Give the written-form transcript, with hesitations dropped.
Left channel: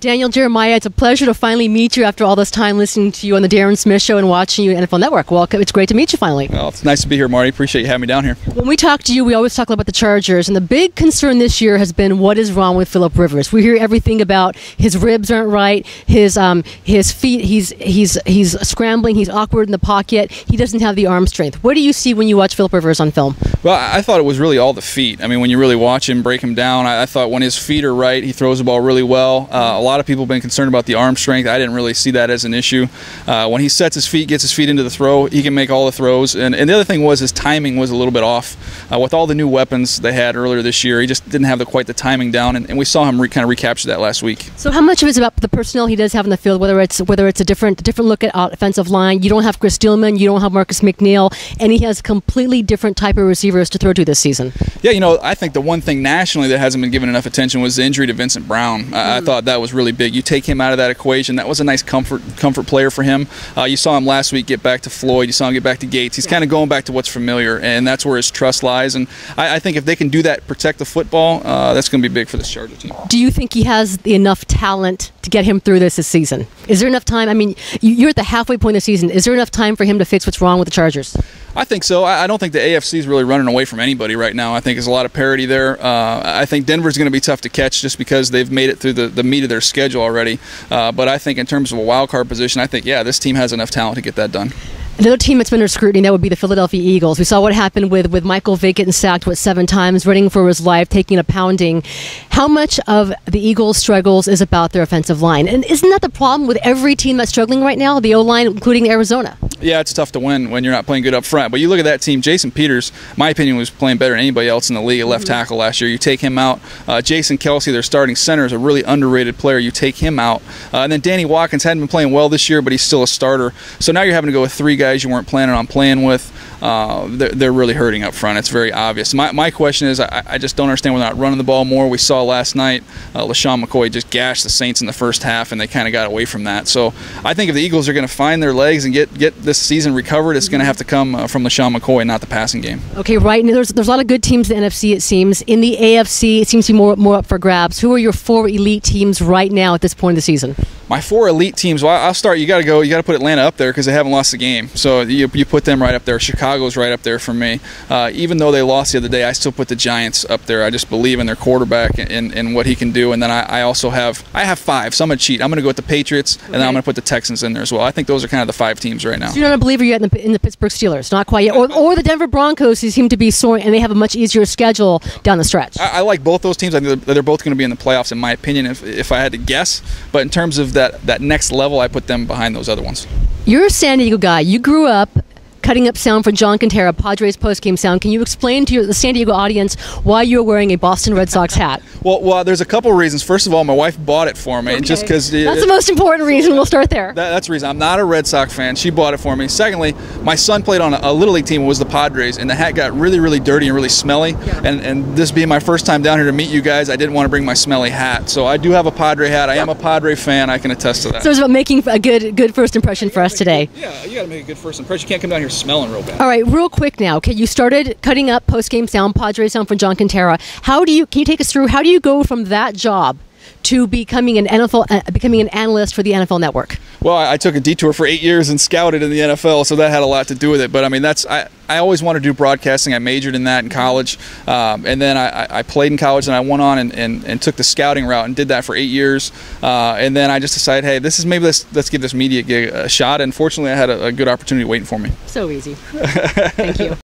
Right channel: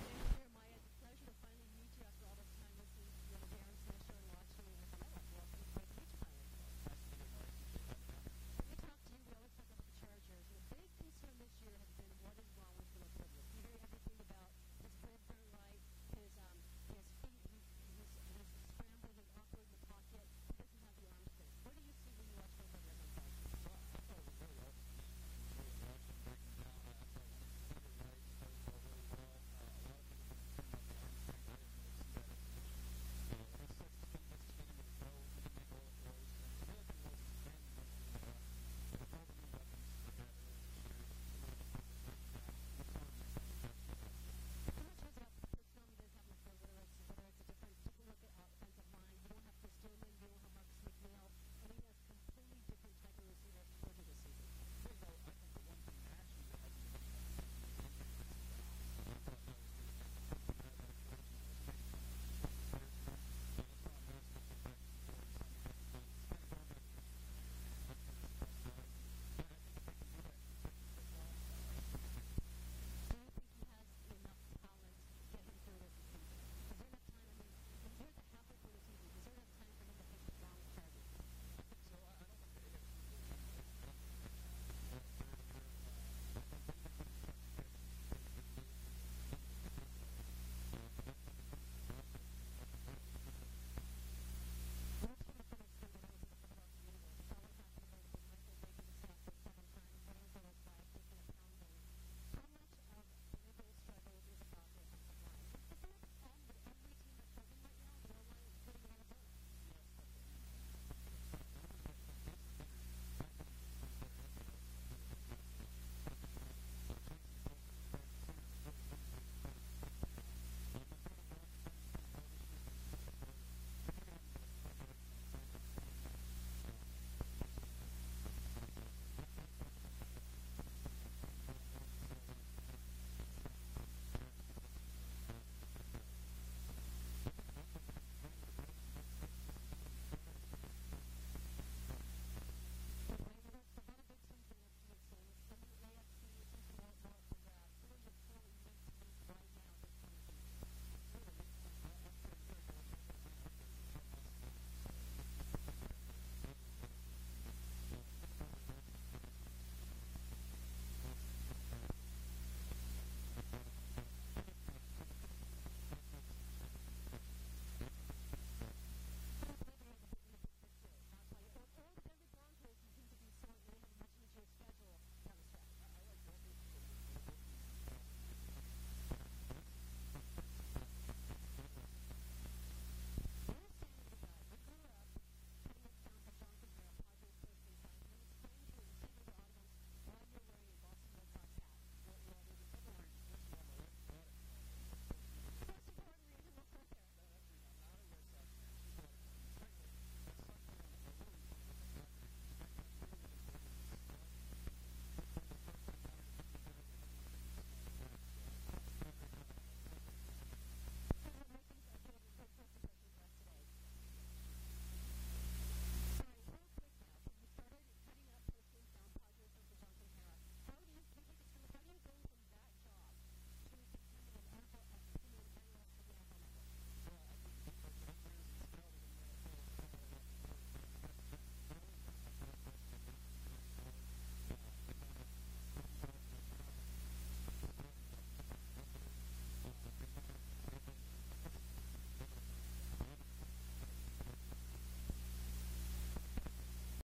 Daniel Jeremiah, it's a pleasure to finally meet you after all this time listening to you on the Darren Smith Show and watching you on NFL Network. Welcome. It's great to meet you finally. Well, it's nice to be here, Marty. Appreciate you having me down here. When we talk to you, we always talk about the Chargers, and the big concern this year has been what is wrong with Phillip Rivers. We hear everything about his ribs aren't right, his feet, he's scrambling, he's awkward in the pocket, he doesn't have the arm strength. What do you see when you watch Phillip Rivers on film? Well, I thought it was really all the feet. I mean, when you really watch him, break him down, I thought when his feet are right, he throws the ball really well. A lot of people have been concerned about the arm strength. I didn't really see that as an issue. When he sets his feet, gets his feet into the throw, he can make all the throws. And the other thing was his timing was a little bit off. With all the new weapons they had earlier this year, he just didn't have quite the timing down, and we saw him kind of recapture that last week. So how much of it is about the personnel he does have in the field, whether it's a different look at offensive line? You don't have Chris Dillman, you don't have Marcus McNeil, and he has completely different type of receivers to throw to this season. Yeah, I think the one thing nationally that hasn't been given enough attention was the injury to Vincent Brown. I thought that was really big. You take him out of that equation, that was a nice comfort player for him. You saw him last week get back to Floyd, you saw him get back to Gates. He's kind of going back to what's familiar, and that's where his trust lies. And I think if they can do that, protect the football, that's going to be big for this Charger team. Do you think he has enough talent to get him through this season? Is there enough time? I mean, you're at the halfway point of the season. Is there enough time for him to fix what's wrong with the Chargers? I think so. I don't think the AFC is really running away from anybody right now. I think there's a lot of parity there. I think Denver's going to be tough to catch just because they've made it through the meat of their schedule already. But I think in terms of a wild card position, I think, yeah, this team has enough talent to get that done. Another team that's been under scrutiny, that would be the Philadelphia Eagles. We saw what happened with Michael Vick getting sacked, 7 times, running for his life, taking a pounding. How much of the Eagles' struggles is about their offensive line? And isn't that the problem with every team that's struggling right now, the O-line, including Arizona? Yeah, it's tough to win when you're not playing good up front. But you look at that team, Jason Peters, my opinion, was playing better than anybody else in the league at left tackle last year. You take him out. Jason Kelsey, their starting center, is a really underrated player. You take him out. And then Danny Watkins hadn't been playing well this year, but he's still a starter. So now you're having to go with 3 guys you weren't planning on playing with. They're really hurting up front. It's very obvious. My question is, I just don't understand why they're not running the ball more. We saw last night LaShawn McCoy just gashed the Saints in the first half, and they kind of got away from that. So I think if the Eagles are going to find their legs and get this season recovered, it's going to have to come from LaShawn McCoy, not the passing game. Okay, right. And there's a lot of good teams in the NFC, it seems. In the AFC, it seems to be more up for grabs. Who are your 4 elite teams right now at this point of the season? My 4 elite teams, well, I'll start. You got to put Atlanta up there because they haven't lost a game. So you put them right up there. Chicago's right up there for me. Even though they lost the other day, I still put the Giants up there. I just believe in their quarterback and what he can do. And then I also have 5, so I'm going to cheat. I'm going to go with the Patriots, and then I'm going to put the Texans in there as well. I think those are kind of the 5 teams right now. So you're not a believer yet in the Pittsburgh Steelers? Not quite yet. Or the Denver Broncos, who seem to be soaring, and they have a much easier schedule down the stretch. I like both those teams. I think they're both going to be in the playoffs, in my opinion, if I had to guess. But in terms of that next level, I put them behind those other ones. You're a San Diego guy. You grew up cutting up sound for John Quintero, Padres postgame sound. Can you explain to the San Diego audience why you're wearing a Boston Red Sox hat? Well, there's a couple of reasons. First of all, my wife bought it for me, okay. Just because that's the most important reason. We'll start there. That's the reason. I'm not a Red Sox fan. She bought it for me. Secondly, my son played on a Little League team. It was the Padres, and the hat got really, really dirty and really smelly. Yeah. And this being my first time down here to meet you guys, I didn't want to bring my smelly hat. So I do have a Padre hat. I am a Padre fan. I can attest to that. So it's about making a good first impression for us today. Yeah, you got to make a good first impression. You can't come down here smelling real bad. All right, real quick now. Okay, you started cutting up post-game sound, Padres sound for John Quintero. Can you take us through, how do you go from that job to becoming an analyst for the NFL Network? Well, I took a detour for 8 years and scouted in the NFL, so that had a lot to do with it. But I mean, I always wanted to do broadcasting. I majored in that in college, and then I played in college, and I went on and took the scouting route and did that for 8 years. And then I just decided, hey, let's give this media gig a shot. And fortunately, I had a good opportunity waiting for me. So easy. Thank you.